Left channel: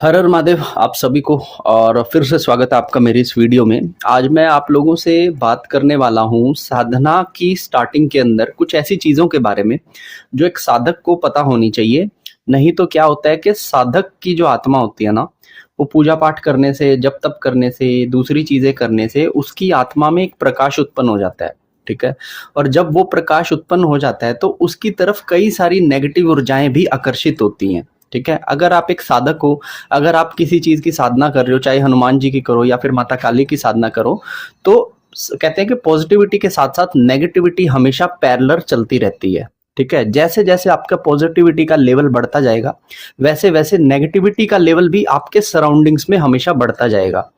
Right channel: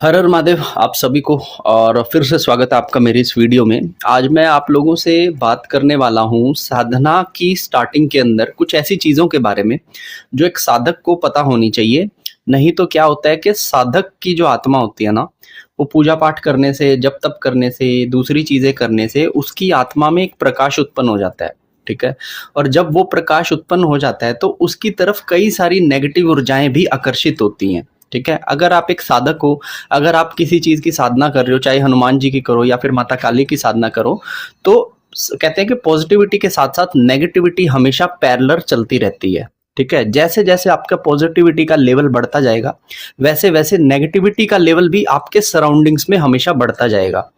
हर हर महादेव आप सभी को। और फिर से स्वागत है आपका मेरे इस वीडियो में। आज मैं आप लोगों से बात करने वाला हूँ साधना की स्टार्टिंग के अंदर कुछ ऐसी चीज़ों के बारे में जो एक साधक को पता होनी चाहिए। नहीं तो क्या होता है कि साधक की जो आत्मा होती है ना, वो पूजा पाठ करने से, जप तप करने से, दूसरी चीज़ें करने से उसकी आत्मा में एक प्रकाश उत्पन्न हो जाता है। ठीक है। और जब वो प्रकाश उत्पन्न हो जाता है तो उसकी तरफ कई सारी नेगेटिव ऊर्जाएं भी आकर्षित होती हैं। ठीक है। अगर आप एक साधक हो, अगर आप किसी चीज की साधना कर रहे हो, चाहे हनुमान जी की करो या फिर माता काली की साधना करो, तो कहते हैं कि पॉजिटिविटी के साथ साथ नेगेटिविटी हमेशा पैरेलल चलती रहती है। ठीक है। जैसे जैसे आपका पॉजिटिविटी का लेवल बढ़ता जाएगा, वैसे वैसे नेगेटिविटी का लेवल भी आपके सराउंडिंग्स में हमेशा बढ़ता जाएगा।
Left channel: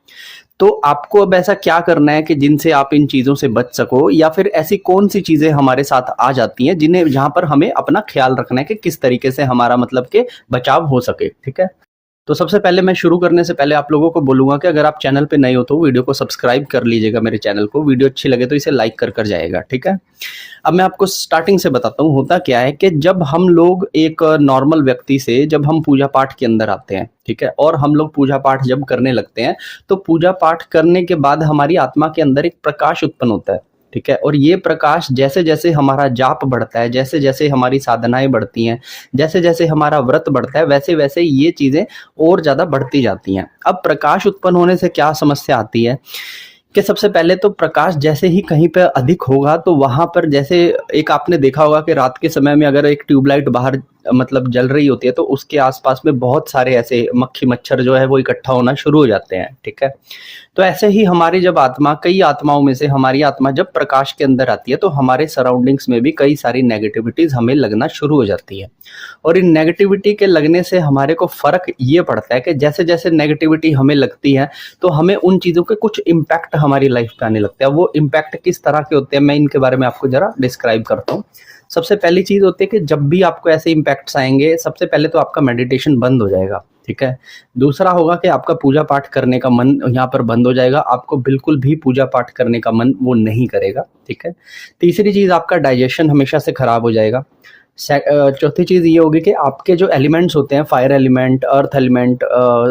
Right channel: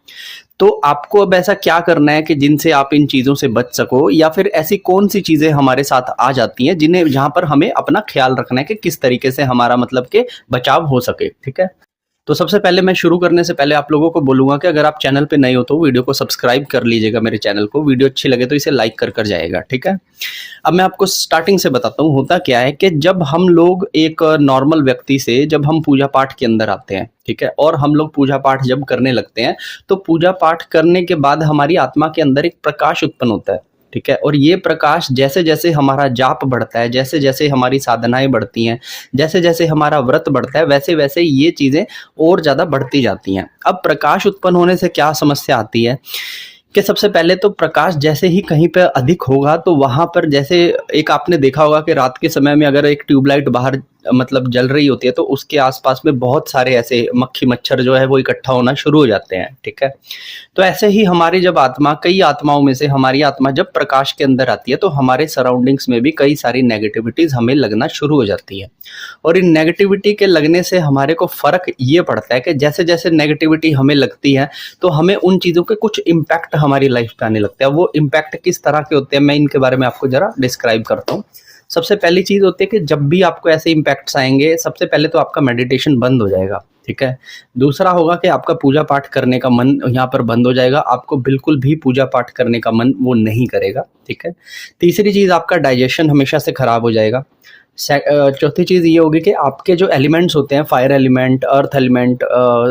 तो आपको अब ऐसा क्या करना है कि जिनसे आप इन चीजों से बच सको, या फिर ऐसी कौन सी चीजें हमारे साथ आ जाती हैं जिन्हें, जहां पर हमें अपना ख्याल रखना है कि किस तरीके से हमारा मतलब के बचाव हो सके। ठीक है। तो सबसे पहले मैं शुरू करने से पहले आप लोगों को बोलूंगा कि अगर आप चैनल पे नए हो तो वीडियो को सब्सक्राइब कर लीजिएगा मेरे चैनल को। वीडियो अच्छी लगे तो इसे लाइक कर जाएगा। ठीक है। अब मैं आपको स्टार्टिंग से बताता हूँ होता क्या है कि जब हम लोग एक नॉर्मल व्यक्ति से, जब हम पूजा पाठ के अंदर आते हैं, ठीक है, और हम लोग पूजा पाठ जब करने लगते हैं तो पूजा पाठ करने के बाद हमारी आत्मा के अंदर एक प्रकाश उत्पन्न होता है। ठीक है। और ये प्रकाश जैसे जैसे हमारा जाप बढ़ता है, जैसे जैसे हमारी साधनाएं बढ़ती हैं, जैसे जैसे हमारा व्रत बढ़ता है, वैसे वैसे ये चीजें और ज्यादा बढ़ती जाती हैं। अब प्रकाश उत्पन्न होने से क्या समस्या आती है कि सबसे पहले तो प्रकाश जैसे ही कहीं पे अधिक होगा तो वहां पर, जैसे एक आपने देखा होगा कि रात के समय में अगर एक ट्यूबलाइट बाहर मतलब जल रही होती है तो उसके आसपास में बहुत सारे ऐसे मक्खी मच्छर जो है वो इकट्ठा होना शुरू हो जाते हैं। ठीक है। तो ऐसे ही हमारी जब आत्मा, कई आत्माओं में से हमारी आत्मा जब प्रकाश के अंदर आती है तो हमारे सराउंडिंग्स में भी कई सारी नेगेटिविटीज हमें लगना शुरू हो जाती है। और इन नेगेटिविटी के लगने से हमारे को फर्क ये पड़ता है कि जैसे जैसे नेगेटिविटी हमें लगती है तो हमें उन चीजों के कुछ इम्पैक्ट हमारी लाइफ पे आने लगते हैं। वो इम्पैक्ट किस तरह के होते हैं मैं इनके बारे में आपको जरा डिस्क्राइब करता हूँ। सबसे पहली चीज होती है कि जब भी आपको ऐसे इम्पैक्ट्स आएंगे, सबसे पहले तो आपका मेडिटेशन बंद हो जाएगा। ठीक है। दूसरा होगा कि आपका पूजा पाठ करने का मन यहाँ पर बंद हो जाएगा, आपको बिल्कुल भी पूजा पाठ करने का मन वो नहीं करेगा। ठीक है। तीसरी चीज, आपका डाइजेशन हमेशा से खराब हो जाएगा। चौथी चीज ये होगी कि आपके जो एलिमेंट्स होते हैं, fire element, earth element,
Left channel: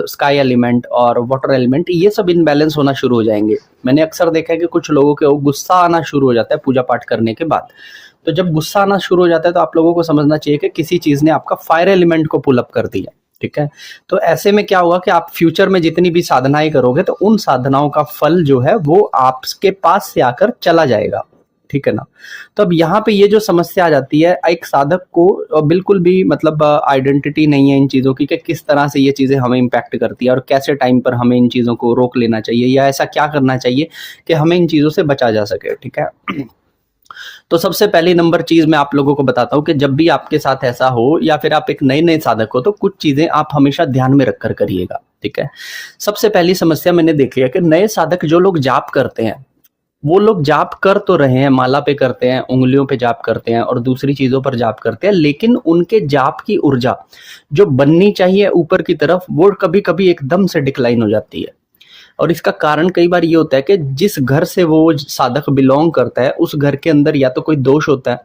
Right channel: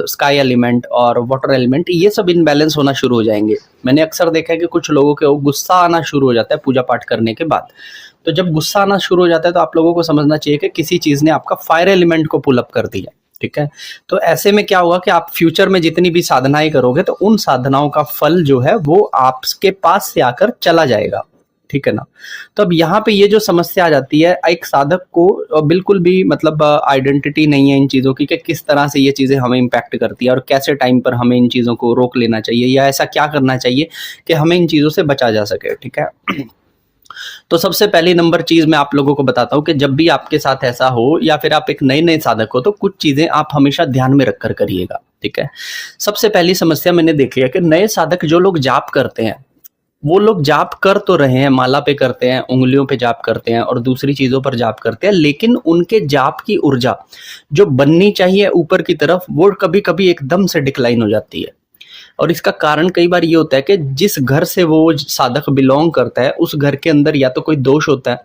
sky element और वाटर एलिमेंट, ये सब इनबैलेंस होना शुरू हो जाएंगे। मैंने अक्सर देखा है कि कुछ लोगों के गुस्सा आना शुरू हो जाता है पूजा पाठ करने के बाद। तो जब गुस्सा आना शुरू हो जाता है तो आप लोगों को समझना चाहिए कि किसी चीज ने आपका फायर एलिमेंट को पुल अप कर दिया। ठीक है। तो ऐसे में क्या होगा कि आप फ्यूचर में जितनी भी साधनाएं करोगे तो उन साधनाओं का फल जो है वो आपके पास से आकर चला जाएगा। ठीक है ना। तो अब यहाँ पे ये जो समस्या आ जाती है, एक साधक को बिल्कुल भी मतलब आइडेंटिटी नहीं है इन चीजों की कि किस तरह से ये चीजें हमें इम्पैक्ट करती है और कैसे टाइम पर हमें इन चीजों को रोक लेना चाहिए या ऐसा क्या करना चाहिए कि हमें इन चीजों से बचा जा सके। ठीक है। तो सबसे पहली नंबर चीज मैं आप लोगों को बताता हूँ कि जब भी आपके साथ ऐसा हो या फिर आप एक नए नए साधक हो तो कुछ चीजें आप हमेशा ध्यान में रखकर करिएगा। ठीक है। सबसे पहली समस्या मैंने देखी है कि नए साधक जो लोग जाप करते हैं, वो लोग जाप कर तो रहे हैं, माला पे करते हैं, उंगलियों पे जाप करते हैं और दूसरी चीजों पर जाप करते हैं, लेकिन उनके जाप की ऊर्जा जो बननी चाहिए ऊपर की तरफ, वो कभी कभी एकदम से डिक्लाइन हो जाती है। और इसका कारण कई बार ये होता है कि जिस घर से वो साधक बिलोंग करता है उस घर के अंदर या तो कोई दोष होता है,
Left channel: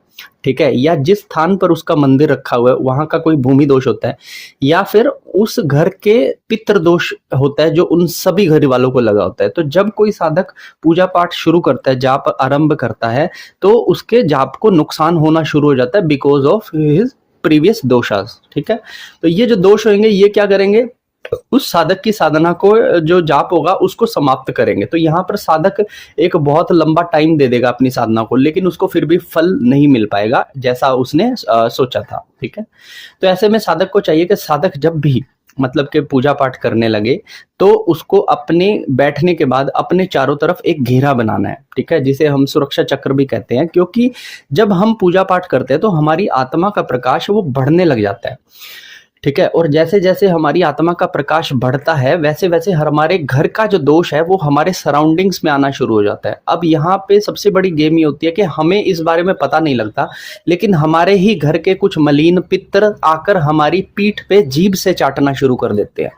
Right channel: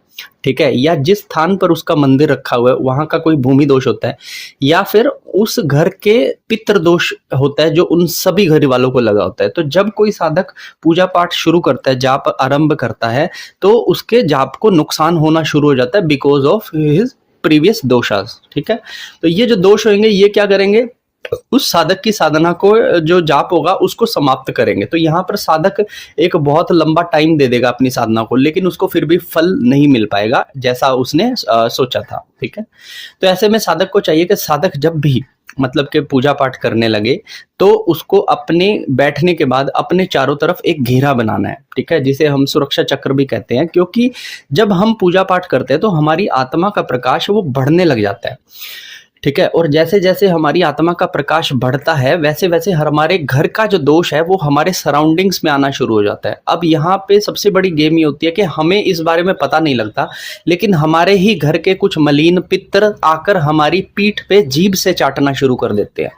ठीक है, या जिस स्थान पर उसका मंदिर रखा हुआ है वहां का कोई भूमि दोष होता है, या फिर उस घर के पितृ दोष होता है जो उन सभी घर वालों को लगा होता है। तो जब कोई साधक पूजा पाठ शुरू करता है, जाप आरंभ करता है, तो उसके जाप को नुकसान होना शुरू हो जाता है बिकॉज ऑफ हिज प्रीवियस दोषास। ठीक है। तो ये जो दोष होंगे ये क्या करेंगे, उस साधक की साधना को, जो जाप होगा उसको समाप्त करेंगे। तो यहाँ पर साधक एक बहुत लंबा टाइम दे देगा अपनी साधना को, लेकिन उसको फिर भी फल नहीं मिल पाएगा जैसा उसने सोचा था। ठीक है। तो ऐसे में साधक को चाहिए कि साधक जब भी मतलब के पूजा पाठ करने लगे तो उसको अपने बैठने के बाद अपने चारों तरफ एक घेरा बनाना है। ठीक है। जिसे हम सुरक्षा चक्र भी कहते हैं, क्योंकि जब हम पूजा पाठ करते हैं तो हमारी आत्मा का प्रकाश वो बढ़ने लग जाता है। ठीक है। और जैसे जैसे हमारी आत्मा का प्रकाश बढ़ता है वैसे वैसे हमारे घर का जो दोष है वो हमारे सराउंडिंग्स में आना शुरू हो जाता है। अब यहाँ पे सबसे बड़ी गेम ये होती है कि हमें इस बारे में पता नहीं लगता, लेकिन हमारे ही घर के कुछ मलिन पितर आकर हमारी पीठ पे जीभ से चाटना शुरू कर देते हैं।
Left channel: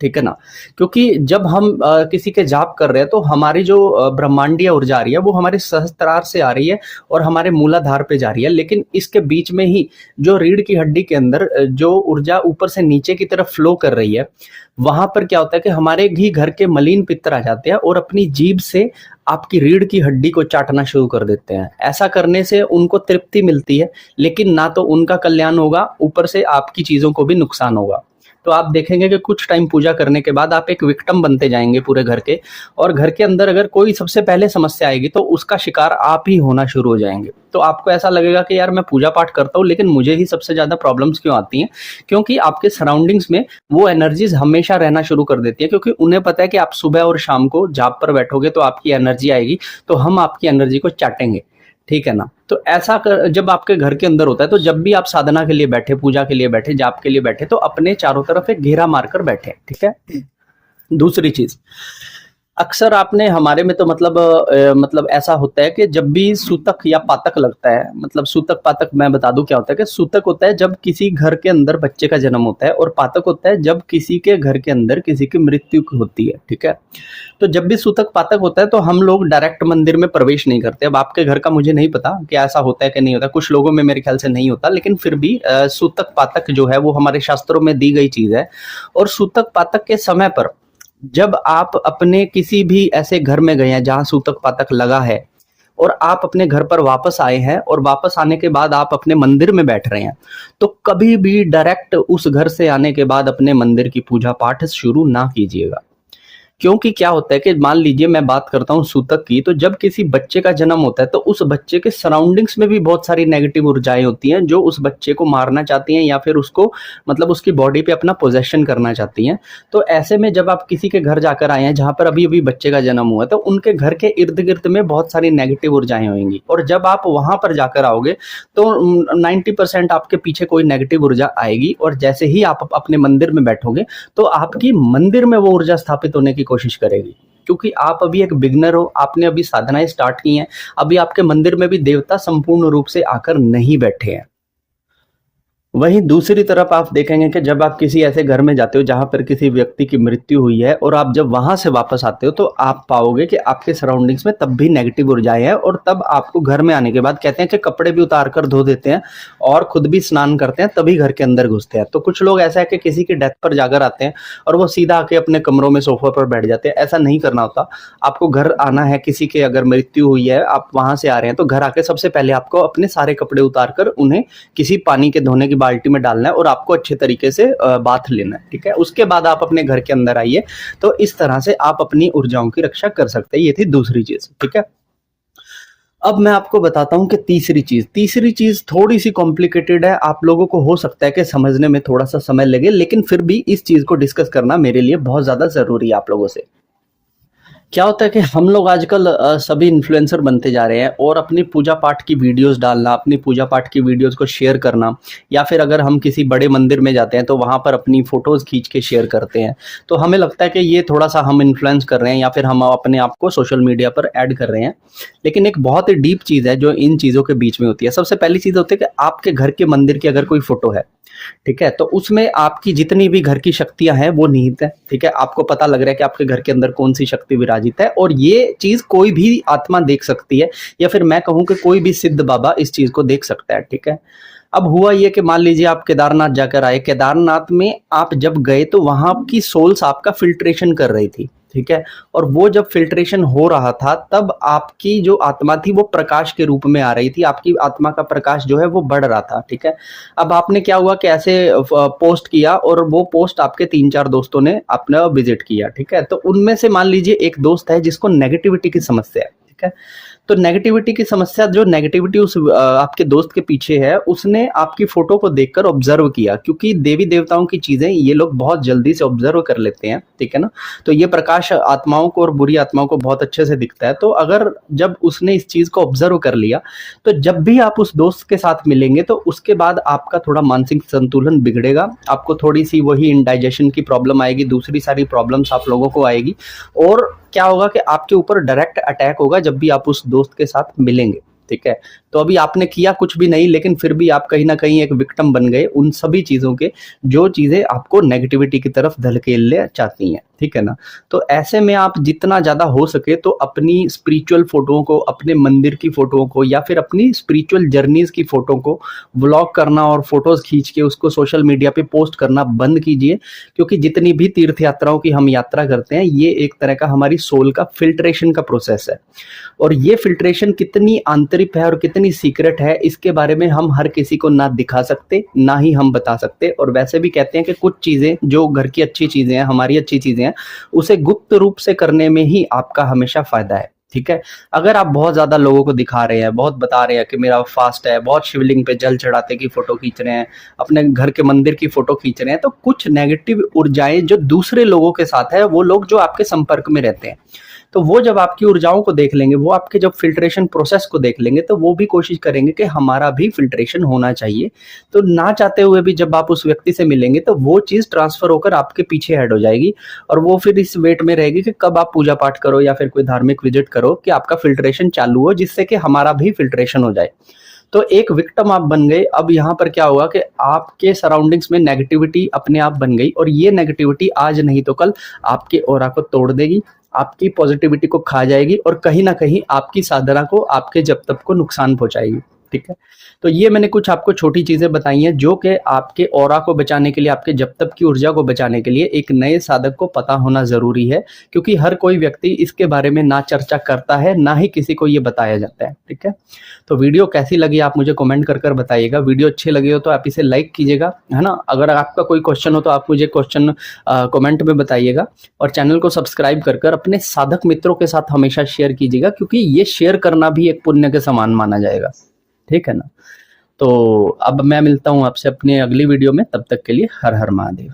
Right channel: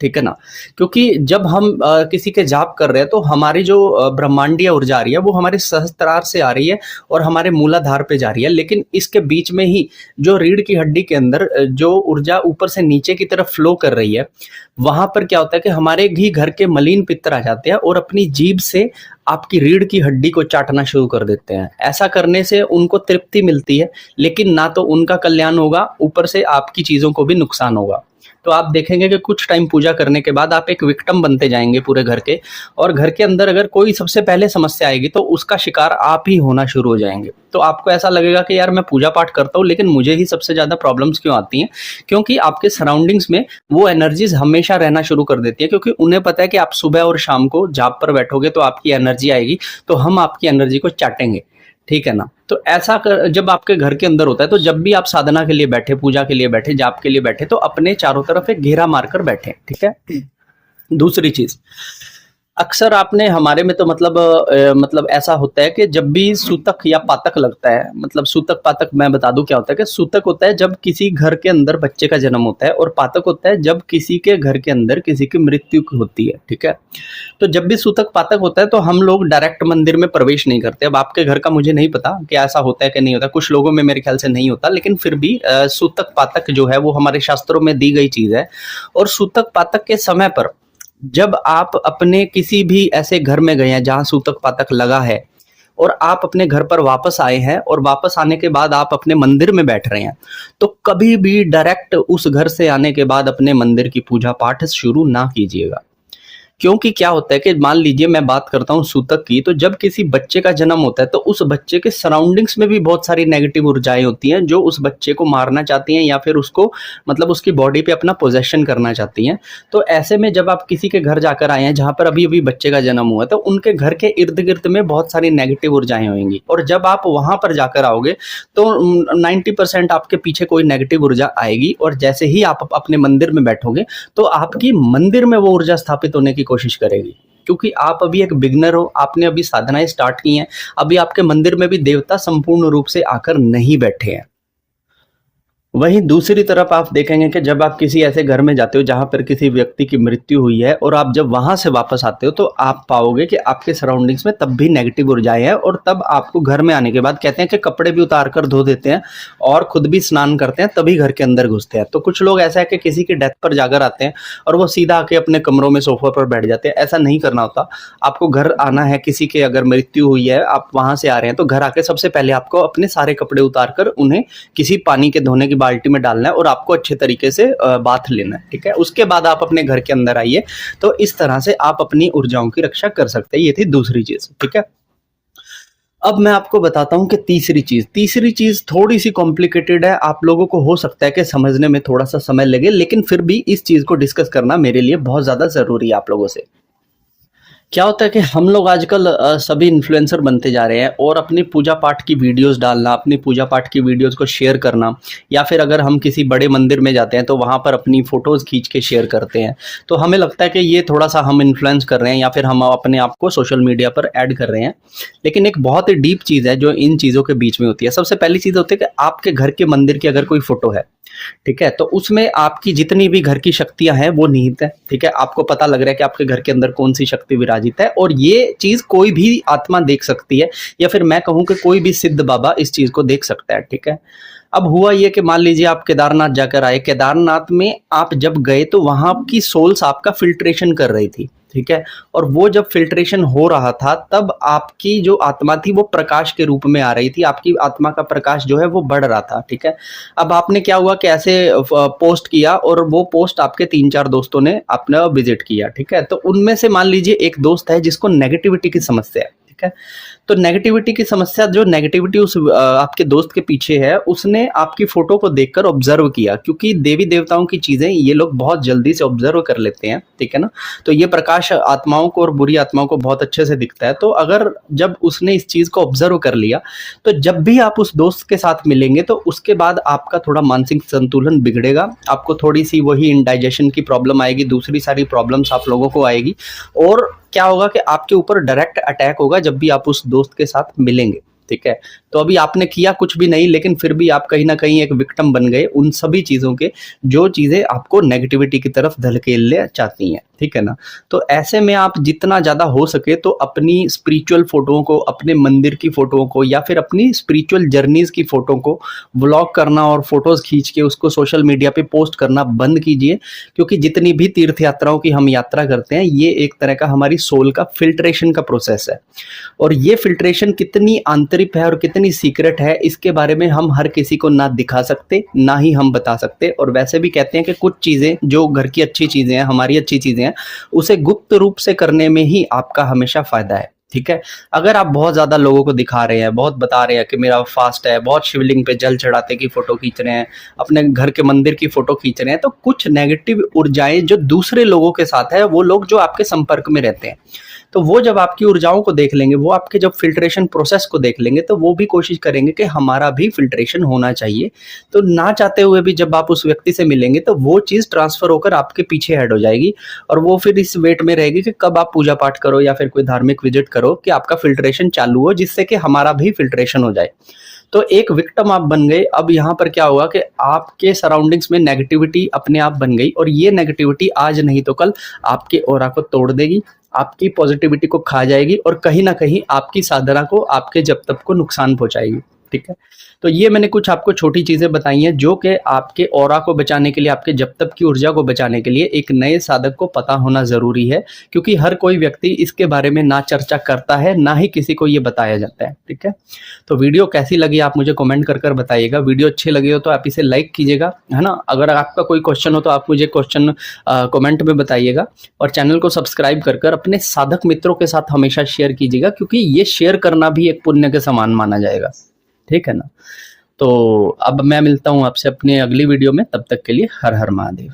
ठीक है ना? क्योंकि जब हम किसी के जाप कर रहे हैं तो हमारी जो ब्रह्मांडीय ऊर्जा आ रही है वो हमारे सहस्त्रार से आ रही है और हमारे मूलाधार पे जा रही है, लेकिन इसके बीच में ही जो रीढ़ की हड्डी के अंदर जो ऊर्जा ऊपर से नीचे की तरफ फ्लो कर रही है, वहां पर क्या होता है कि हमारे ही घर के मलीन पित्तर आ जाते हैं और अपनी जीभ से आपकी रीढ़ की हड्डी को चाटना शुरू कर देते हैं। ऐसा करने से उनको तृप्ति मिलती है, लेकिन ना तो उनका कल्याण होगा, ऊपर से आपकी चीजों को भी नुकसान होगा। तो आप देखेंगे कि कुछ टाइम पूजा करने के बाद आप एक विक्टिम बनते जाएंगे पूरे घर के, और घर के अंदर अगर कोई सबसे पहले समस्या आएगी तो उसका शिकार आप ही होना शुरू हो जाएंगे। तो आपको ऐसा लगेगा कि यार मैं पूजा पाठ करता हूँ लेकिन मुझे ही सबसे ज्यादा प्रॉब्लम्स क्यों आती हैं? क्योंकि आपके सराउंडिंग्स में वो एनर्जीज हमेशा रहना शुरू कर देती है, क्योंकि उन्हें पता है कि आप सुबह और शाम को जाप पर बैठोगे तो आपकी एनर्जी आएगी, तो हम आपकी एनर्जी को चाटेंगे, ठीक है ना? तो ऐसा जब आपके घर के अंदर होता है, तो जब भी आप साधना के लिए बैठे, पूजा के लिए बैठे, जाप के लिए बैठे, तो अपने चारों तरफ एक घेरा मारकर बैठे, ठीक है? दूसरी चीज, अक्सर आपने हमारे में तो मतलब ऐसा होता है कि जब भी सूतक या पातक लगता है, मतलब सूतक पातक मैं बता दूं क्या होता है कि सूतक होता है जब किसी घर के अंदर बच्चे का जन्म होता है, और पातक होता है जब किसी के घर के अंदर किसी की मृत्यु होती है, ठीक है? तो जब भी सूतक पातक होता है तो हम लोग डायरेक्ट मंदिर में प्रवेश नहीं करते। अब आपके घर का मुझे नहीं पता कि ऐसा होता है कि नहीं होता, कुछ लोगों में मेरे ख्याल से नहीं होता, लेकिन फिर भी सूतक पातक जो है वो हमारे शास्त्रों में दी गई चीज है। और सूतक पातक के समय पर जब आप अपने किसी भी ऐसे घर में गए हैं जहां सूतक पातक लगा है, और आप अपने घर पर वापस आए हैं, और वापस आने के बाद आप अपने मंदिर में बैठ रहे हैं, तो कभी भी डायरेक्ट उस घर से आने के बाद अपने मंदिर की पूजा पाठ शुरू ना कीजिएगा। क्योंकि क्या होता है कि मान लीजिए मैं बात करता हूँ सूतक की, तो जब किसी बच्चे का जन्म होता है तो उस बच्चे के सराउंडिंग्स में भी बहुत सारी नेगेटिव ऊर्जाएं होती हैं जो उस बच्चे को मारना चाहती हैं या फिर उसको मतलब उसकी बॉडी पे अपना पोजेशन करना चाहती हैं। तो ऐसे में जब आप किसी के घर जाकर आए हैं जहां पर अभी अभी बच्चे का जन्म हुआ है, तो उनके घर के इर्द गिर्द में बहुत सारी नेगेटिव ऊर्जाएं होंगी, और जब आप वहां पर जाकर आओगे तो 90% आपके पीछे कोई नेगेटिव ऊर्जा आएगी, और जैसे ही आप अपने मंदिर में बैठोगे तो आपकी मंदिर में वो ऊर्जा स्थापित होने की कोशिश करेगी। क्योंकि आप अभी एक बिगनर हो, आपने अभी साधनाएं स्टार्ट की हैं, अभी आपके मंदिर में भी देवता संपूर्ण रूप से आकर नहीं बैठे हैं। वहीं दूसरी तरफ आप देखेंगे कि जब आप किसी ऐसे घर में जाते हो जहां पर किसी व्यक्ति की मृत्यु हुई है, और आप जब वहां से वापस आते हो तो आप पाओगे कि आपके सराउंडिंग्स में तब भी नेगेटिव ऊर्जाएं हैं, और तब आपको घर में आने के बाद कहते हैं कि कपड़े भी उतार कर धो देते हैं और खुद भी स्नान करते हैं, तभी घर के अंदर घुसते हैं। तो कुछ लोग ऐसा है कि किसी की डेथ पर जाकर आते हैं और वो सीधा आके अपने कमरों में सोफा पर बैठ जाते हैं। ऐसा नहीं करना होता। आपको घर आना है, किसी के अगर मृत्यु हुई है, आप वहां से आ रहे हैं, तो घर आके सबसे पहले आपको अपने सारे कपड़े उतार कर उन्हें किसी पानी के धोने की बाल्टी में डालना है और आपको अच्छे तरीके से बाथ लेना है, ठीक है? उसके बाद आप अपने घर के अंदर आइए। तो इस तरह से आप अपनी ऊर्जाओं की रक्षा कर सकते हैं। ये थी दूसरी चीज, ठीक है? अब मैं आपको बताता हूं कि तीसरी चीज थोड़ी सी कॉम्प्लिकेटेड है, आप लोगों को हो सकता है कि समझने में थोड़ा सा समय लगे, लेकिन फिर भी इस चीज को डिस्कस करना मेरे लिए बहुत ज्यादा जरूरी है आप लोगों से। क्या होता है कि हम लोग आजकल सभी इन्फ्लुएंसर बनते जा रहे हैं, और अपनी पूजा पाठ की वीडियोस डालना, अपनी पूजा पाठ की वीडियोस को शेयर करना, या फिर अगर हम किसी बड़े मंदिर में जाते हैं तो वहां पर अपनी फोटोज खींच के शेयर करते हैं। तो हमें लगता है कि ये थोड़ा सा हम इन्फ्लुएंस कर रहे हैं या फिर हम अपने आप को सोशल मीडिया पर ऐड कर रहे हैं, लेकिन एक बहुत ही डीप चीज है जो इन चीजों के बीच में होती है। सबसे पहली चीज होती है कि आपके घर के मंदिर की अगर कोई फोटो है, ठीक है, तो उसमें आपकी जितनी भी घर की शक्तियां हैं वो निहित है, ठीक है? आपको पता लग रहा है कि आपके घर के अंदर कौन सी शक्ति विराजित है, और ये चीज कोई भी आत्मा देख सकती है, या फिर मैं कहूं कि कोई भी सिद्ध बाबा इस चीज को देख सकता है, ठीक है? अब हुआ ये कि मान लीजिए आप केदारनाथ जाकर आए, केदारनाथ में आप जब गए तो वहां की सोल्स आपका फिल्ट्रेशन कर रही थी, ठीक है? और वो जब फिल्ट्रेशन हो रहा था तब आपकी जो आत्मा थी वो प्रकाश के रूप में आ रही थी, आपकी आत्मा का प्रकाश जो है वो बढ़ रहा था, ठीक है? अब आपने क्या हुआ कि ऐसे पोस्ट किया, और वो पोस्ट आपके 3-4 दोस्तों ने अपना विजिट किया, ठीक है? तो उनमें से मान लीजिए एक दोस्त है जिसको नेगेटिविटी की समस्या है, ठीक है? तो नेगेटिविटी की समस्या, जो नेगेटिविटी उस आपके दोस्त के पीछे है, उसने आपकी फोटो को देखकर ऑब्जर्व किया, क्योंकि देवी देवताओं की चीजें ये लोग बहुत जल्दी से ऑब्जर्व कर लेते हैं, ठीक है ना? तो ये प्रकाश आत्माओं को और बुरी आत्माओं को बहुत अच्छे से दिखता है। तो अगर जब उसने इस चीज को ऑब्जर्व कर लिया, तो जब भी आप उस दोस्त के साथ मिलेंगे तो उसके बाद आपका थोड़ा मानसिक संतुलन बिगड़ेगा, आपको थोड़ी सी वही इंडाइजेशन की प्रॉब्लम आएगी, दूसरी सारी प्रॉब्लम्स आप लोगों को आएगी, और क्या होगा कि आपके ऊपर डायरेक्ट अटैक होगा जब भी आप उस दोस्त के साथ मिलेंगे। ठीक है। तो अभी आपने किया कुछ भी नहीं, लेकिन फिर भी आप कहीं ना कहीं एक विक्टिम बन गए उन सभी चीजों के जो चीजें आपको नेगेटिविटी की तरफ धकेलने चाहती हैं, ठीक है ना। तो ऐसे में आप जितना ज्यादा हो सके तो अपनी स्पिरिचुअल फोटोओं को, अपने मंदिर की फोटोओं को या फिर अपनी स्पिरिचुअल जर्नीज की फोटो को व्लॉग करना और फोटोज खींच के उसको सोशल मीडिया पे पोस्ट करना बंद कीजिए। क्योंकि जितनी भी तीर्थ यात्राओं की हम यात्रा करते हैं, ये एक तरह का हमारी सोल का फिल्ट्रेशन का प्रोसेस है। और ये फिल्ट्रेशन कितनी आंतरिक है और कितनी सीक्रेट है, इसके बारे में हम हर किसी को ना दिखा सकते, ना ही हम बता सकते। और वैसे भी कहते हैं कि कुछ चीजें जो घर की अच्छी चीजें हैं, हमारी अच्छी चीजें हैं, उसे गुप्त रूप से करने में ही आपका हमेशा फायदा है, ठीक है। अगर आप बहुत ज्यादा लोगों को दिखा रहे हैं, बहुत बता रहे हैं कि मेरा फास्ट है, बहुत शिवलिंग पे जल चढ़ाते की फोटो खींच रहे हैं, अपने घर के मंदिर की फोटो खींच रहे हैं, तो कुछ नेगेटिव ऊर्जाएं जो दूसरे लोगों के साथ है, वो लोग जो आपके संपर्क में रहते हैं, तो वो जब आपकी ऊर्जाओं को देख लेंगे, वो आपके जब फिल्ट्रेशन प्रोसेस को देख लेंगे, तो वो भी कोशिश करेंगे कि हमारा भी फिल्ट्रेशन होना चाहिए। तो ना चाहते हुए भी जब आप उस व्यक्ति से मिलेंगे, तो वो चीज ट्रांसफर होकर आपके पीछे हेड हो जाएगी और वो फिर इस वेट में रहेगी कि कब आप पूजा पाठ करो या फिर कोई धार्मिक विजिट करो कि आपका फिल्ट्रेशन चालू हो, जिससे कि हमारा भी फिल्ट्रेशन हो जाए। तो एक विक्टिम आप बन गए। अब यहाँ पर क्या हुआ कि आपके सराउंडिंग्स में नेगेटिविटी अपने आप बन गई और ये नेगेटिविटी आज नहीं तो कल आपके ऑरा को तोड़ देगी, आपकी पॉजिटिविटी को खा जाएगी और कहीं ना कहीं आपकी साधना को, आपके जप तप को नुकसान पहुंचाएगी, ठीक है। तो ये मैंने कुछ आपको छोटी चीजें बताई हैं जो कि आपके ऑरा को बचाने के लिए, आपके जप तप की ऊर्जा को बचाने के लिए एक नए साधक को पता होना जरूरी है। क्योंकि हर कोई व्यक्ति इसके बारे में ना चर्चा करता है, ना ही किसी को ये बताया जाता है, ठीक है। तो वीडियो कैसी लगी आप मुझे कमेंट कर कर बताइएगा। वीडियो अच्छी लगी हो तो आप इसे लाइक कीजिएगा, है ना। अगर आपका कोई क्वेश्चन हो तो आप मुझे क्वेश्चन कमेंट में बताइएगा और चैनल को सब्सक्राइब कर कर अपने साधक मित्रों के साथ हमेशा शेयर कीजिएगा, क्योंकि ये शेयर करना भी एक पुण्य के समान माना जाएगा, ठीक है ना। तो अब मैं मिलता हूं आपसे अपने अगली वीडियो में, तब तक के लिए हर हर महादेव।